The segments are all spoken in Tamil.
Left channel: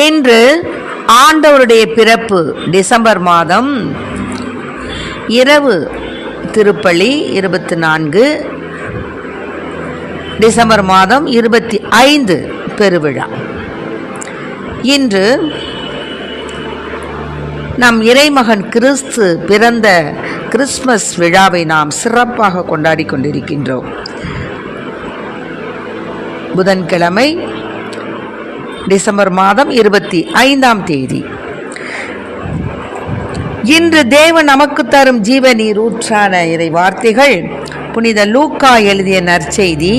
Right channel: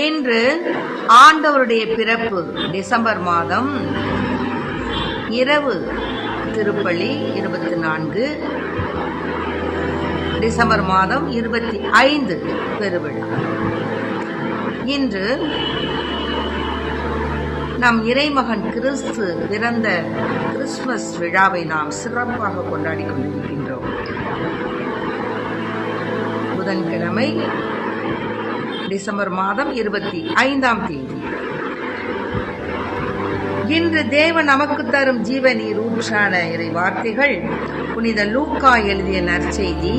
இன்று ஆண்டவருடைய பிறப்பு டிசம்பர் மாதம் இரவு திருப்பலி 24, டிசம்பர் மாதம் 25 பெருவிழா. இன்று நம் இறைமகன் கிறிஸ்து பிறந்த கிறிஸ்மஸ் விழாவை நாம் சிறப்பாக கொண்டாடி கொண்டிருக்கின்றோம். புதன்கிழமை டிசம்பர் மாதம் 25ஆம் தேதி. இன்று தேவன் நமக்கு தரும் ஜீவநீர் ஊற்றான இறை வார்த்தைகள் புனித லூக்கா எழுதிய நற்செய்தி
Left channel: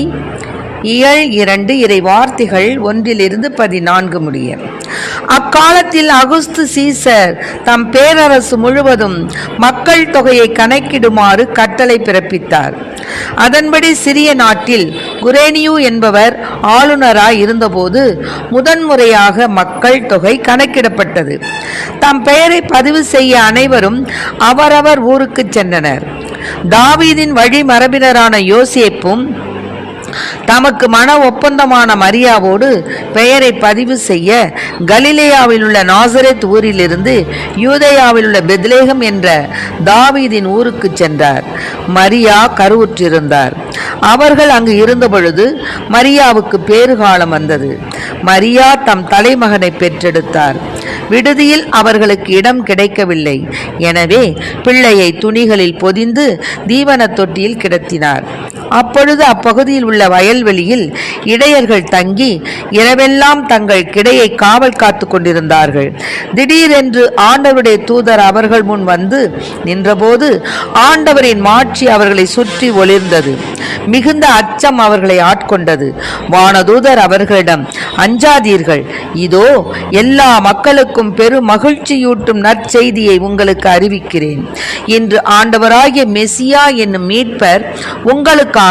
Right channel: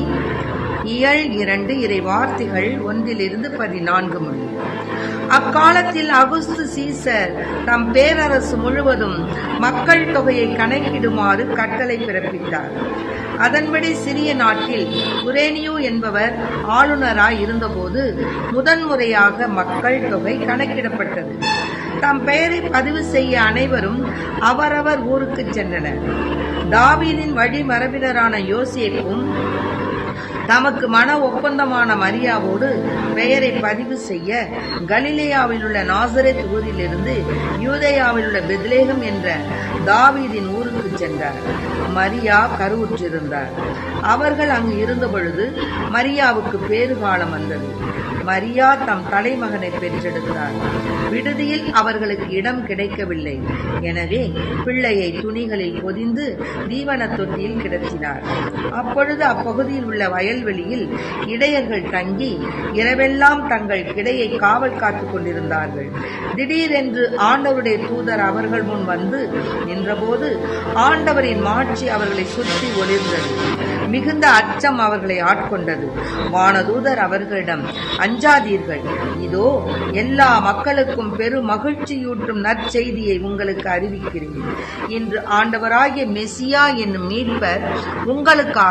இயல் 2 இறை வார்த்தைகள் 1-14 முடிய. அக்காலத்தில் அகுஸ்து சீசர் தம் பேரரசு முழுவதும் மக்கள் தொகையை கணக்கிடுமாறு கட்டளை பிறப்பித்தார். அதன்படி சிறிய நாட்டில் குரேனியு என்பவர் ஆளுநராய் இருந்தபோது முதன்முறையாக மக்கள் தொகை கணக்கிடப்பட்டது. தம் பெயரை பதிவு செய்ய அனைவரும் அவரவர் ஊருக்கு சென்றனர். தாவீதின் வழி மரபினரான யோசேப்பும் தமக்கு மன ஒப்பந்தமான மரியாவோடு பெயரை பதிவு செய்ய கலிலேயாவில் உள்ள நாசரேத் ஊரிலிருந்து யூதேயாவில் உள்ள பெத்லேகம் என்ற தாவீதின் ஊருக்கு சென்றார். மரியா கருவுற்றிருந்தார். அவர்கள் அங்கு இருந்த பொழுது மரியாவுக்கு பேறுகாலம் வந்தது. மரியா தம் தலைமகனை பெற்றெடுத்தார். விடுதியில் அவர்களுக்கு இடம் கிடைக்கவில்லை. எனவே பிள்ளையை துணிகளில் பொதிந்து தீவன தொட்டியில் கிடத்தினார். அப்பொழுது அப்பகுதியில் உள்ள வயல்வெளியில் இடையர்கள் தங்கி இரவெல்லாம் தங்கள் கிடையை காவல் காத்து கொண்டிருந்தார்கள். திடீரென்று ஆண்டவருடைய தூதர் அவர்கள் முன் வந்து நின்றபோது ஆண்டவரின் மாட்சி அவர்களை சுற்றி ஒளிர்ந்தது. மிகுந்த அச்சம் அவர்களை ஆட்கொண்டது. வானதூதர் அவர்களிடம், அஞ்சாதீர்கள், இதோ எல்லா மக்களுக்கும் பெரும் மகிழ்ச்சியூட்டும் நற்செய்தியை உங்களுக்கு அறிவிக்கிறேன். இன்று ஆண்டவராகிய மெசியா என்னும் மீட்பர் உங்களுக்காக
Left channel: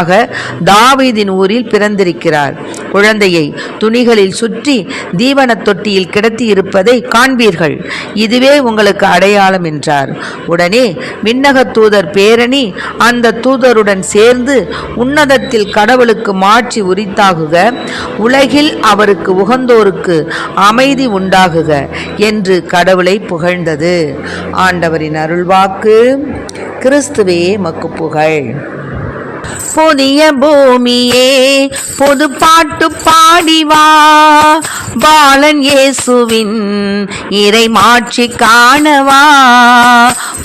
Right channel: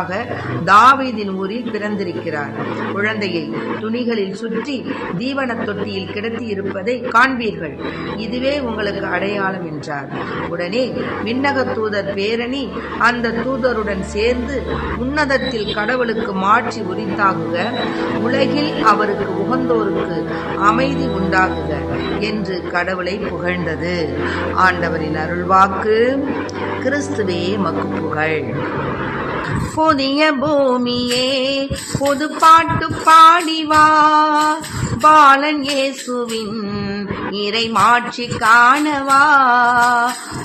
தாவீதின் ஊரில் பிறந்திருக்கிறார். குழந்தையை துணிகளில் சுற்றி தீவன தொட்டியில் கிடத்தி இருப்பதை காண்பீர்கள். இதுவே உங்களுக்கு அடையாளம் என்றார். உடனே விண்ணக தூதர் பேரணி அந்த தூதருடன் சேர்ந்து உன்னதத்தில் கடவுளுக்கு மாட்சி உரித்தாகுக, உலகில் அவருக்கு உகந்தோருக்கு அமைதி உண்டாகுக என்று கடவுளை புகழ்ந்தது. ஆண்டவரின் அருள்வாக்கு. கிறிஸ்துவே மக்கு புகழ். புதிய பூமியே புது பாட்டு பாடிவா, பாலன் இயேசுவின் இறை மாட்சி காணவா.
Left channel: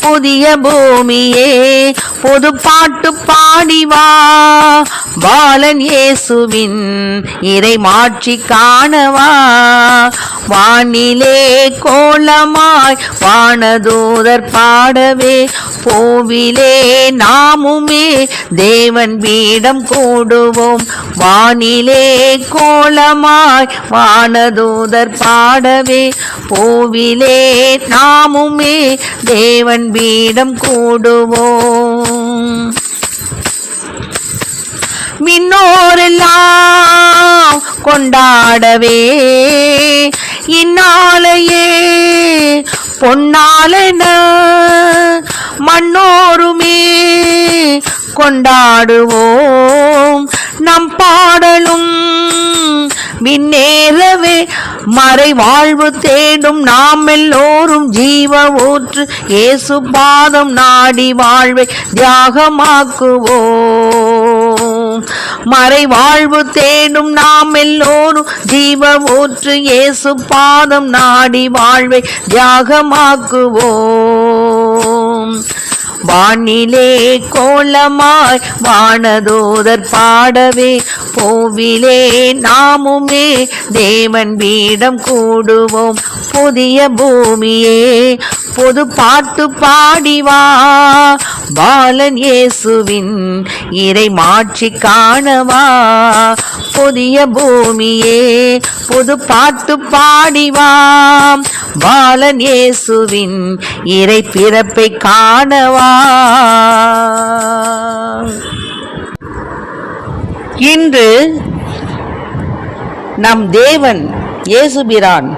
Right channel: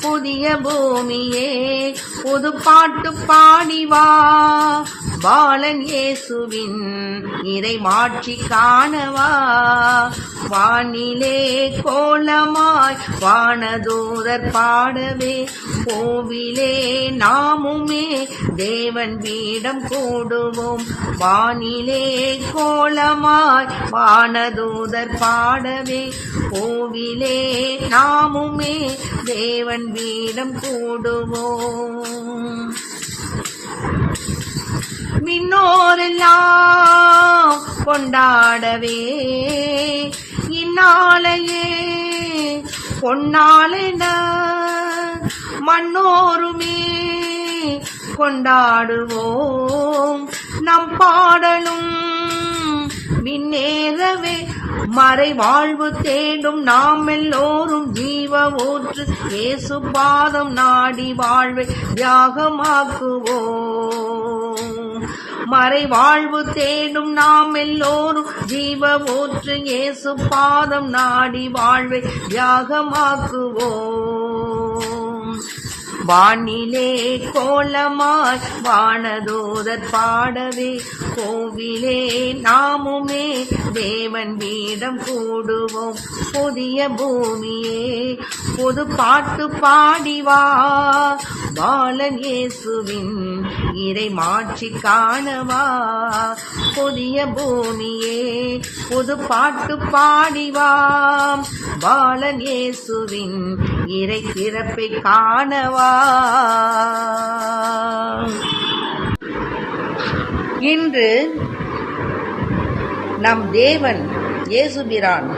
புதிய பூமியே புது பாட்டு பாடிவா, பாலன் இயேசுவின் இறை மாட்சி காணவா. வானிலே கோலமாய் வானதூதர் பாடவே, பூவிலே நாமுமே தேவன் வீடம் கூடுவோம். வானிலே கோலமாய் வானதூதர் பாடவே, பூவிலே நாமுமே தேவன் வீடம் கூடுவோம். மின்னோரெல்லாம் கொண்டாடவே, இந்நாளையே பொன்னாலென மன்னோருமே கொண்டாடுவோம். நம் பாடலும் விண்ணேறவே, மறை வாழ்வு தேடும் நாம் எல்லோரும் ஜீவ ஊற்று இயேசு பாதம் நாடி வாழ்வை தியாகமாக்குவோம். மறை வாழ்வு தேடும் நாம் எல்லோரும் ஜீவ ஊற்று இயேசு பாதம் நாடி வாழ்வை தியாகமாக்குவோம். வானிலே கோலமாய் வானதூதர் பாடவே, பூவிலே நாமுமே தேவன் வீடம் கூடுவோம். புதிய பூமியே புது பாட்டு பாடிவா, பாலன் இயேசுவின் இறை மாட்சி காணவா. புதிய பூமியே புது பாட்டு பாடிவா, பாலன் இயேசுவின் இறை பிறப்பை காணவா. இன்று நம் தேவன் இயேசுபிரான்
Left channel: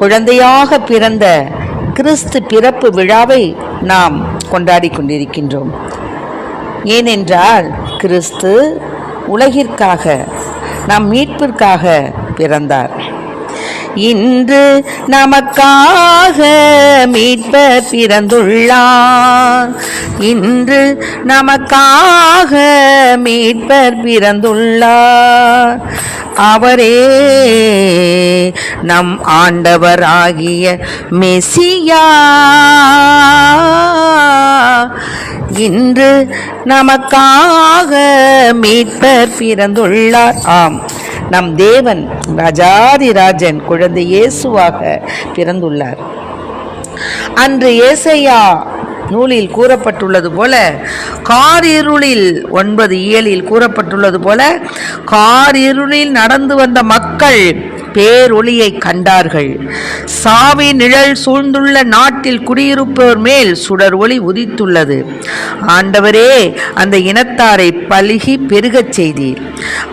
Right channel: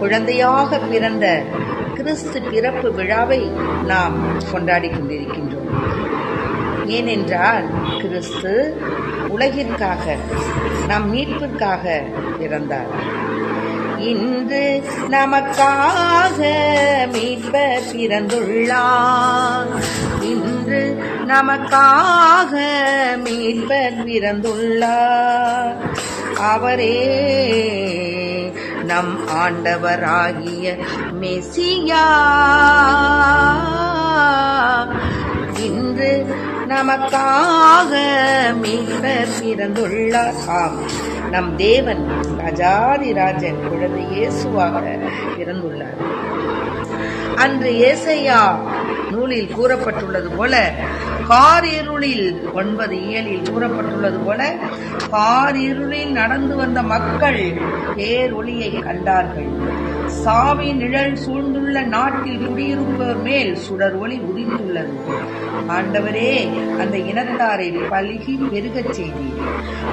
குழந்தையாக பிறந்த கிறிஸ்து பிறப்பு விழாவை நாம் கொண்டாடி கொண்டிருக்கின்றோம். ஏனென்றால் கிறிஸ்து உலகிற்காக நம் மீட்பிற்காக பிறந்தார். இன்று நமக்காக மீட்பர் பிறந்துள்ளார். இன்று நமக்காக மீட்பர் பிறந்துள்ளார். அவரே நம் ஆண்டவராகிய மெசியா. இன்று நமக்காக மீட்பர் பிறந்துள்ளார். ஆம், நம் தேவன் ராஜாதிராஜன் குழந்தை இயேசுவாக பிறந்துள்ளார். அன்று ஏசாயா நூலில் கூறப்பட்டுள்ளது போல, காரிருளில் 9:7 கூறப்பட்டுள்ளது போல, காரிருளில் நடந்து வந்த மக்கள் பேரொளியை கண்டார்கள். சாவி நிழல் சூழ்ந்துள்ள நாட்டில் குடியிருப்போர் மேல் சுடர் ஒளி உதித்துள்ளது. ஆண்டவரே, அந்த இனத்தாரை பலுகி பெருகச் செய்தீர்.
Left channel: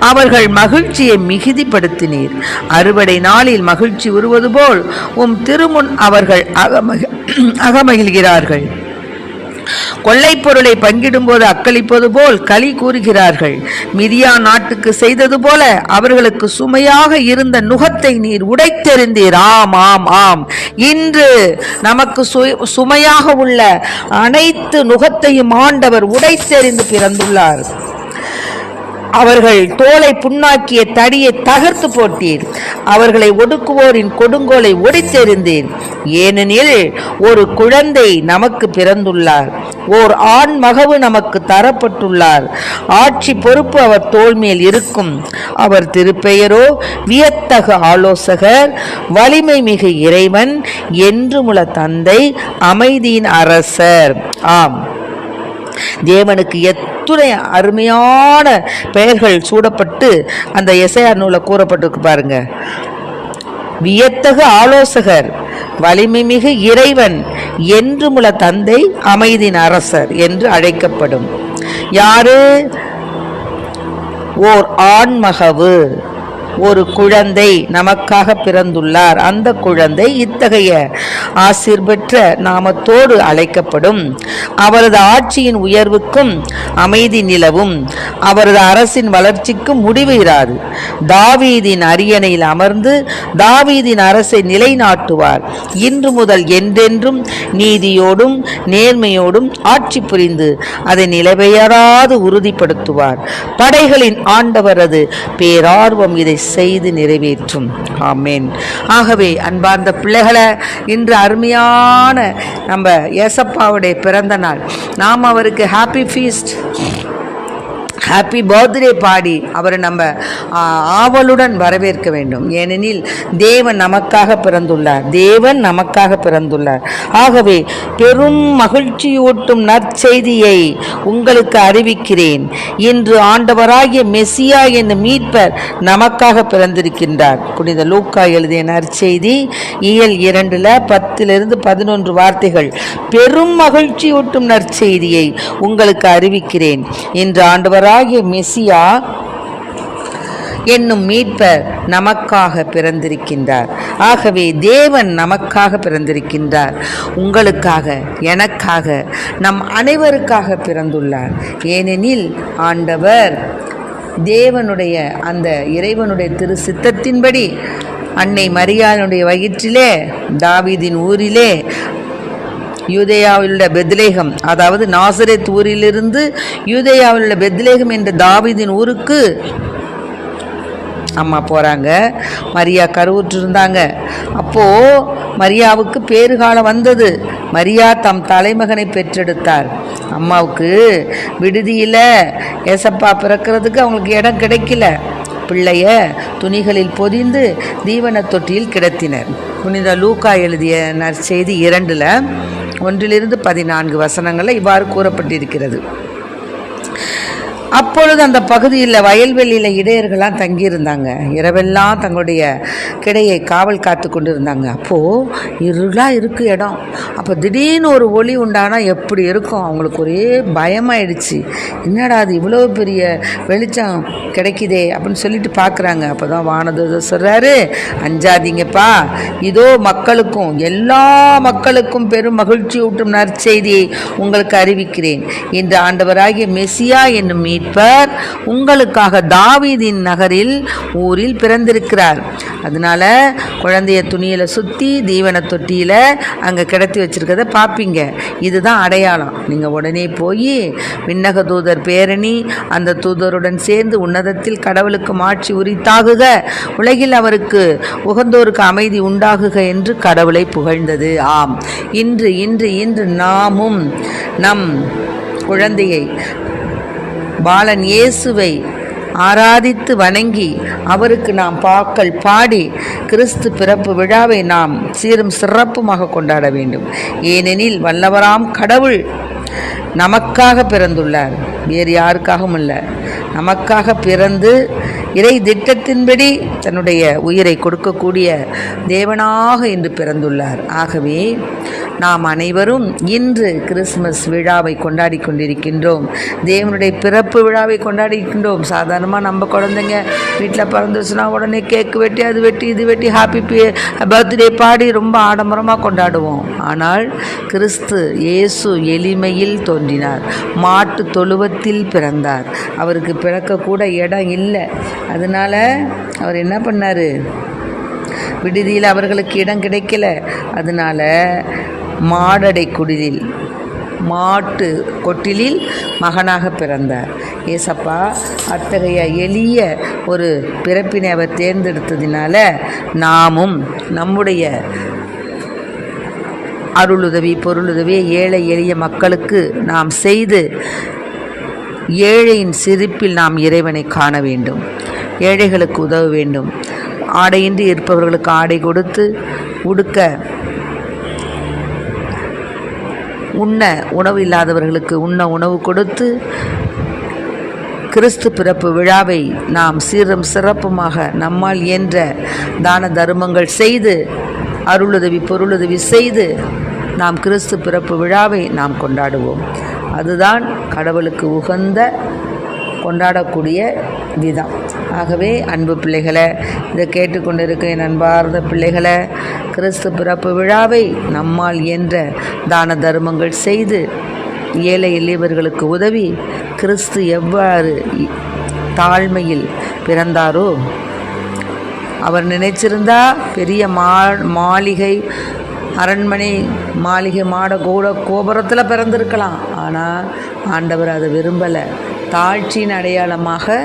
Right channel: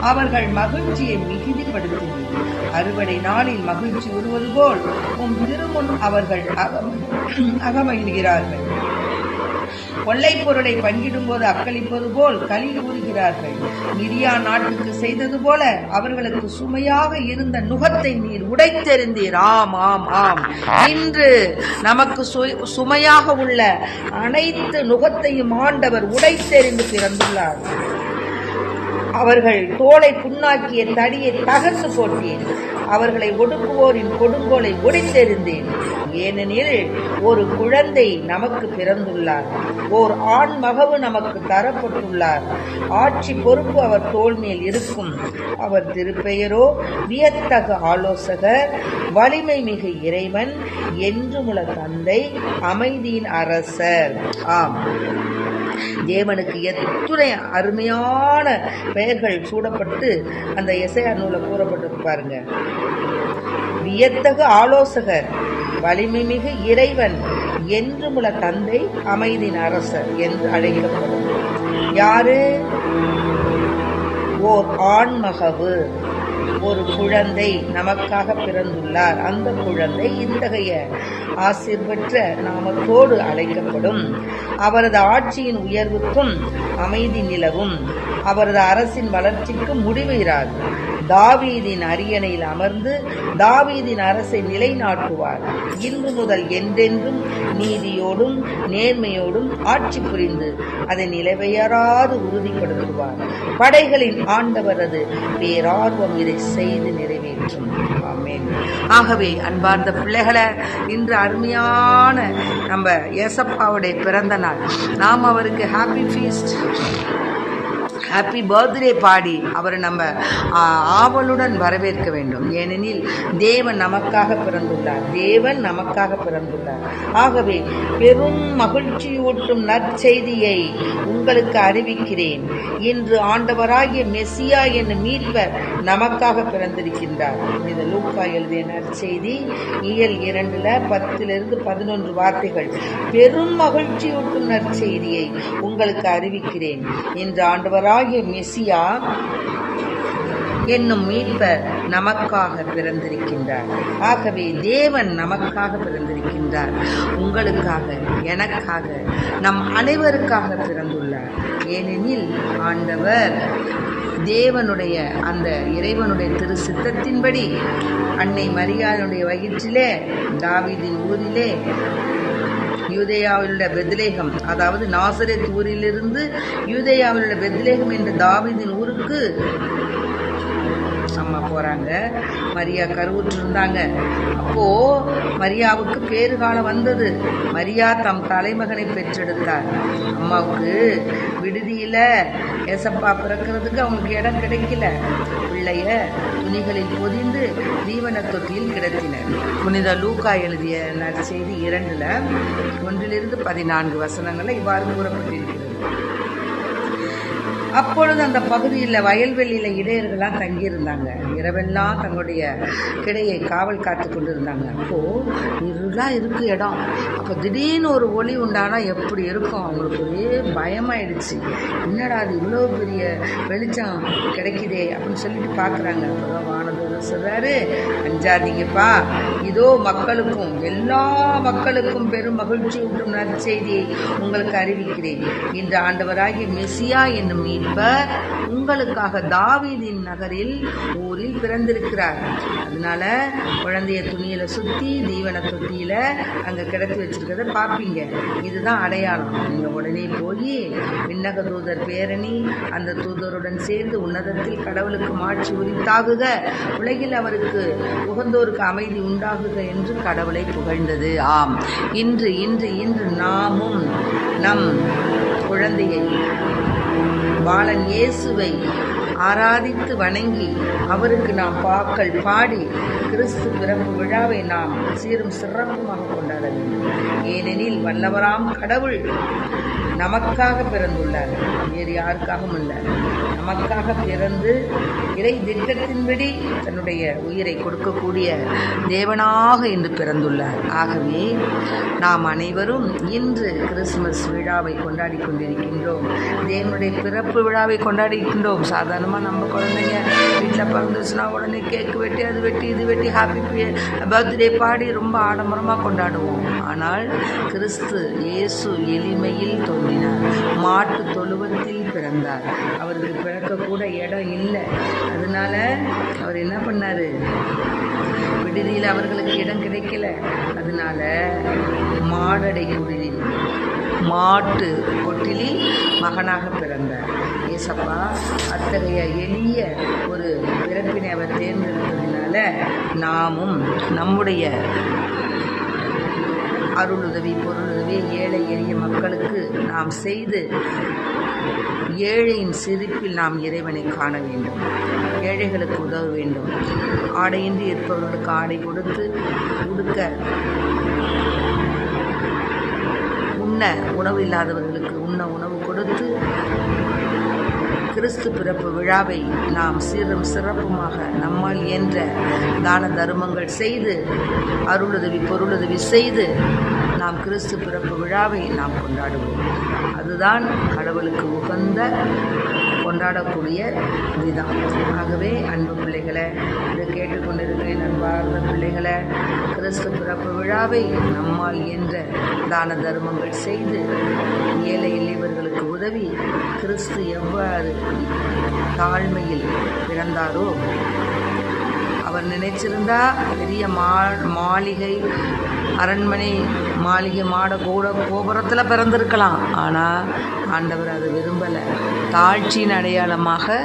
அவர்கள் மகிழ்ச்சியை மிகுதிப்படுத்தினீர். அறுவடை நாளில் மகிழ்ச்சி உருவது போல் உம் திருமுன் அவர்கள் அகமகிழ்கிறார்கள். கொள்ளை பொருளை பங்கிடும் போது அக்களிப்பது போல் களி கூறுகிறார்கள். மிதியா நாட்டுக்கு செய்தது போல அவர்களுக்கு சுமையாக இருந்த நுகத்தை நீர் உடைத்தெறிந்தீர். ஆம் ஆம் ஆம், இன்று நமக்கு சுமையாக உள்ள அனைத்து நுகத்தையும் ஆண்டவர் உடைத்தெறிந்து பிறந்துள்ளார். அவர்கள் தோலை புண்ணாக்கிய தடியை தகர்த்து போட்டீர். அவர்களை ஒடுக்குவோரின் கொடுங்கோலை ஒடித்தெறிந்தீர். ஏனெனில் ஒரு குழந்தை நமக்கு பிறந்துள்ளார், ஓர் ஆண் மகவு நமக்கு தரப்பட்டுள்ளார். ஆட்சி பொறுப்பு அவர் தோள் மேல் இருக்கும். அவர் திருப்பெயரோ வியத்தகு ஆலோசகர், வலிமை மிகு இறைவன், என்றுமுள்ள தந்தை, அமைதியின் அரசர். ஆம், தேவனுக்கு எத்துணை அருமையான பெயர்கள் சூடப்பட்டு அந்த எசையா நூலை கூறப்பட்டிருக்கு பாருங்க. வியத்தகு ஆலோசகர், வலிமை மிகு இறைவன், என்றுமுள்ள தந்தை, அமைதியின் அரசர் என்று அழைக்கப்படும். யாரு? ஓர் ஆண்மகவு, ஒரு குழந்தை நமக்காக பிறந்துள்ளார். அந்த குழந்தை இத்தகைய ஆசீர் பெற்ற நாமத்தோடு அழைக்கப்படும். அவரது ஆட்சியின் உயர்வுக்கும் அமைதி நிலவும். அவரது அரசின் வளர்ச்சிக்கும் முடிவு இராது. தாவீதின் அரியணையில் அமர்ந்து தாவீதின் அரசை நிலைநாட்டுவார். இன்று முதல் என்றென்றும் நீதியோடும் நேர்மையோடும் ஆட்சி புரிந்து அதை நிலைபெயராது உறுதிப்படுத்துவார். படைகளின் ஆண்டவரது பேரார்வம் இதை செய்து நிறைவேற்றும். ஆமேன். ஆகவே அன்பார்ந்த பிள்ளைகளை, இன்று அருமையான நம்ம ஏசப்பாவுடைய பிறந்த நாள். நாம் அவருக்கு ஹாப்பி ஃபீஸ்ட், ஹாப்பி பர்த்டே பாடி அவரை நம்ம ஆவலுடன் வரவேற்க வேண்டும். ஏனெனில் தேவன் நமக்காக பிறந்துள்ளார். தேவன் நமக்காக பிறந்துள்ளார். ஆகவே பெரும் மகிழ்ச்சியூட்டும் நற்செய்தியை உங்களுக்கு அறிவிக்கிறேன். இன்று ஆண்டவராகிய மெசியா என்னும் மீட்பர் நமக்காக பிறந்திருக்கின்றார். புனித லூக்கா எழுதிய நற்செய்தி இயல் 2:10-11 வார்த்தைகள். பெரும் மகிழ்ச்சியூட்டும் நற்செய்தியை உங்களுக்கு அறிவிக்கிறேன். இன்று ஆண்டவராகிய மெசியா என்னும் மீட்பர் நமக்காக பிறந்திருக்கின்றார். ஆகவே தேவன் நமக்காக பிறந்திருக்கின்றார். உங்களுக்காக, எனக்காக, நம் அனைவருக்காக பிறந்துள்ளார். ஏனெனில் ஆண்டவர் தேவனுடைய அந்த இறைவனுடைய திரு சித்தத்தின்படி அன்னை மரியாளுடைய வயிற்றிலே தாவீதின் ஊரிலே யூதேயாவில் உள்ள பெத்லேகம், அதாவது நாசரேத் ஊரிலிருந்து யூதேயாவில் உள்ள பெத்லேகம் என்ற தாவீதின் ஊருக்கு அம்மா போகிறாங்க. மரியா கருவுற்று இருந்தாங்க. அப்போது மரியாவுக்கு பேறுகாலம் வந்தது. மரியா தம் தலைமகனை பெற்றெடுத்தார். அம்மாவுக்கு விடுதியில் ஏசப்பா பிறக்கிறதுக்கு அவங்களுக்கு இடம் கிடைக்கல. பிள்ளைய துணிகளில் பொதிந்து தீவன தொட்டியில் கிடத்தினர். புனித லூக்கா எழுதிய நற்செய்தி 2:1-14 இவ்வாறு கூறப்பட்டிருக்கிறது. அப்பொழுது அந்த பகுதியில் வயல்வெளியில் இடையர்கள்லாம் தங்கியிருந்தாங்க. இரவெல்லாம் தங்களுடைய கிடையை காவல் காத்து கொண்டு இருந்தாங்க. அப்போது இருளாக இருக்குது இடம். அப்போ திடீர்னு ஒரு ஒளி உண்டானால் எப்படி இருக்கும்? அவங்களுக்கு ஒரே பயமாயிடுச்சு. என்னடா அது இவ்வளோ பெரிய வெளிச்சம் கிடைக்குதே அப்படின்னு சொல்லிட்டு பார்க்குறாங்க. அப்போ தான் வானதூதர் சொல்கிறாரு, அஞ்சாதீங்கப்பா, இதோ மக்களுக்கும், எல்லா மக்களுக்கும் பெரும் மகிழ்ச்சி ஊட்டும் நற்செய்தியை உங்களுக்கு அறிவிக்கிறேன். இன்று ஆண்டவராகிய மெசியா என்னும் மீட்பர் உங்களுக்காக தாவீதின் நகரில் ஊரில் பிறந்திருக்கிறார். அதனால குழந்தைய துணியில சுற்றி தீவன தொட்டியில் அங்கே கிடத்தி வச்சிருக்கிறத பார்ப்பீங்க. இதுதான் அடையாளம். நீங்கள் உடனே போய் விண்ணக தூதர் பேரணி அந்த தூதருடன் சேர்ந்து உன்னதத்தில் கடவுளுக்கு மாட்சி உரித்தாகுக, உலகில் அவருக்கு உகந்தோருக்கு அமைதி உண்டாகுக என்று கடவுளை புகழ்ந்தது. ஆம், இன்று இன்று இன்று நாமும் நம் குழந்தையை பாலன் இயேசுவை ஆராதித்து வணங்கி அவருக்கு நாம் பாக்கள் பாடி கிறிஸ்து பிறப்பு விழாவை நாம் சீரும் சிறப்புமாக கொண்டாட வேண்டும். ஏனெனில் வல்லவராம் கடவுள் நமக்காக பிறந்துள்ளார், வேறு யாருக்காகவும் இல்லை. நமக்காக பிறந்து இறை திட்டத்தின்படி தன்னுடைய உயிரை கொடுக்கக்கூடிய தேவனாக இன்று பிறந்துள்ளார். ஆகவே நாம் அனைவரும் இன்று கிறிஸ்மஸ் விழாவை கொண்டாடி கொண்டிருக்கின்றோம். தேவனுடைய பிறப்பு விழாவை கொண்டாடிக்கின்றோம். சாதாரணமாக நம்ம குழந்தைங்க வீட்டில் பிறந்துச்சுன்னா உடனே கேக்கு வெட்டி அது வெட்டி இது வெட்டி ஹாப்பி பர்த்டே பாடி ரொம்ப ஆடம்பரமாக கொண்டாடுவோம். ஆனால் கிறிஸ்து இயேசு எளிமையில் தோன்றினார், மாட்டு தொழுவத்தில் பிறந்தார். அவருக்கு பிறக்கக்கூட இடம் இல்லை. அதனால அவர் என்ன பண்ணார், விடுதியில் அவர்களுக்கு இடம் கிடைக்கல. அதனால மாடடை குடிலில் மாட்டு கொட்டிலில் மகனாக பிறந்தார். ஏசப்பா அத்தகைய எளிய ஒரு பிறப்பினை அவர் தேர்ந்தெடுத்ததினால நாமும் நம்முடைய அருளுதவி பொருளுதவியை ஏழை எளிய மக்களுக்கு நாம் செய்து ஏழையின் சிரிப்பில் நாம் இறைவனை காண வேண்டும். ஏழைகளுக்கு உதவ வேண்டும். ஆடையின்றி இருப்பவர்களுக்கு ஆடை கொடுத்து, உடுக்க உண்ண உணவு இல்லாதவர்களுக்கு உண்ண உணவு கொடுத்து கிறிஸ்து பிறப்பு விழாவை நாம் சீரும் சிறப்புமாக நம்மால் இயன்ற தான தர்மங்கள் செய்து அருளுதவி பொருளுதவி செய்து நாம் கிறிஸ்து பிறப்பு விழாவை நாம் கொண்டாடுவோம். அதுதான் கடவுளுக்கு உகந்த கொண்டாடக்கூடிய விதம். ஆகவே அன்பு பிள்ளைகளை, இதை கேட்டுக்கொண்டிருக்க என் அன்பார்ந்த பிள்ளைகளை, கிறிஸ்து பிறப்பு விழாவை நம்மால் இயன்ற தான தர்மங்கள் செய்து ஏழை எளியவர்களுக்கு உதவி கிறிஸ்து எவ்வாறு தாழ்மையில் பிறந்தாரோ, அவர் நினைச்சிருந்தா பெரிய மாளிகை அரண்மனை மாளிகை மாட கோபுரத்தில் பிறந்திருக்கலாம். ஆனால் ஆண்டவர் அதை விரும்பலை. தாழ்ச்சியின் அடையாளமாக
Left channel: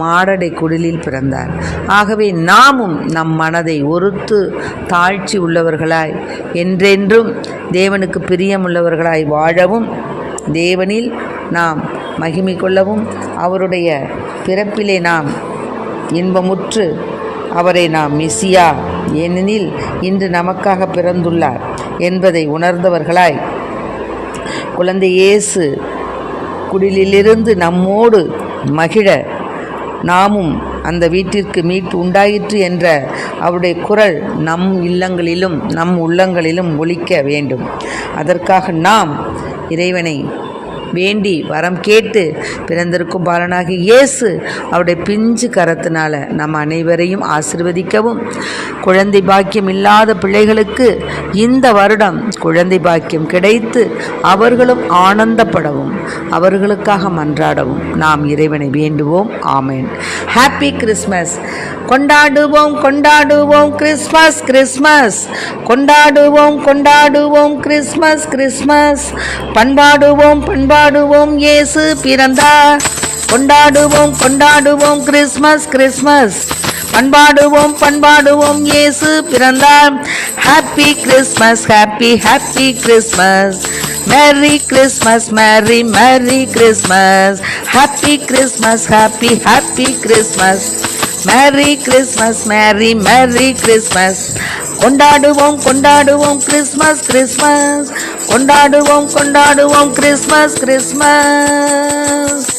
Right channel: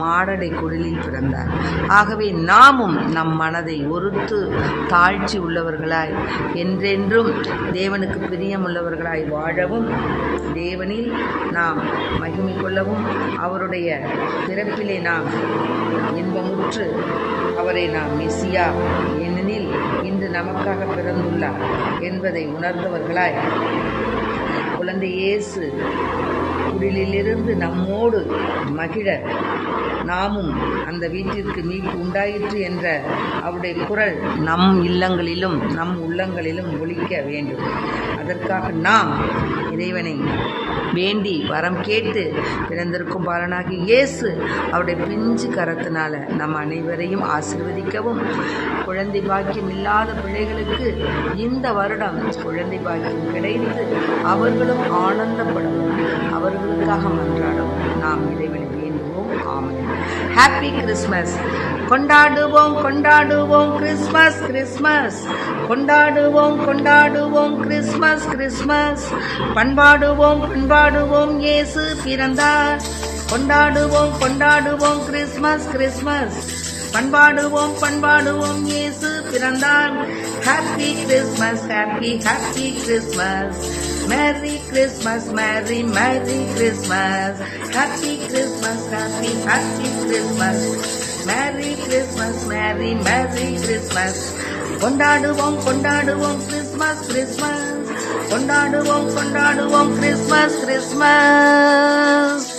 மாடடை குடிலில் பிறந்தார். ஆகவே நாமும் நம் மனதை ஒருத்து தாழ்ச்சி உள்ளவர்களாய் என்றென்றும் தேவனுக்கு பிரியமுள்ளவர்களாய் வாழவும், தேவனில் நாம் மகிமை கொள்ளவும், அவருடைய பிறப்பிலே நாம் இன்பமுற்று அவரை நாம் மெசியா, ஏனெனில் இன்று நமக்காக பிறந்துள்ளார் என்பதை உணர்ந்தவர்களாய் குழந்தை இயேசு குடிலிலிருந்து நம்மோடு மகிழ நாமும் அந்த வீட்டிற்கு மீட்பு உண்டாயிற்று என்ற அவருடைய குரல் நம் இல்லங்களிலும் நம் உள்ளங்களிலும் ஒலிக்க வேண்டும். அதற்காக நாம் இறைவனை வேண்டி வரம் கேட்டு பிறந்திருக்கும் பாலனாகி இயேசு அவருடைய பிஞ்சு கரத்தினால நம் அனைவரையும் ஆசீர்வதிக்கவும், குழந்தை பாக்கியம் இல்லாத பிள்ளைகளுக்கு இந்த வருடம் குழந்தை பாக்கியம் கிடைத்து அவர்களும் ஆனந்தப்படவும், அவர்களுக்காக மன்றாடவும் நாம் இறைவனை வேண்டுவோம். ஆமென். Happy Christmas. கொண்டாடுவோம் கொண்டாடுவோம் கிறிஸ்மஸ் கிறிஸ்மஸ், கொண்டாடுவோம் கொண்டாடுவோம் கிறிஸ்மஸ் கிறிஸ்மஸ், பண்பாடுவோம் பண்பாடுவோம் இயேசு பிறந்தார். கொண்டாடுவோம் கொண்டாடுவோம் கிறிஸ்மஸ் கிறிஸ்மஸ், பண்பாடுவோம் பண்பாடுவோம் இயேசு பிறந்தார். Happy Christmas happy happy Christmas, merry Christmas மேரி merry Christmas, happy Christmas happy happy Christmas, merry Christmas மேரி மேரி கிறிஸ்மஸ். கொண்டாடுவோம் கொண்டாடுவோம் கிறிஸ்மஸ் கிறிஸ்மஸ், கொண்டாடுவோம் கொண்டாடுவோம் கிறிஸ்மஸ் கிறிஸ்மஸ்.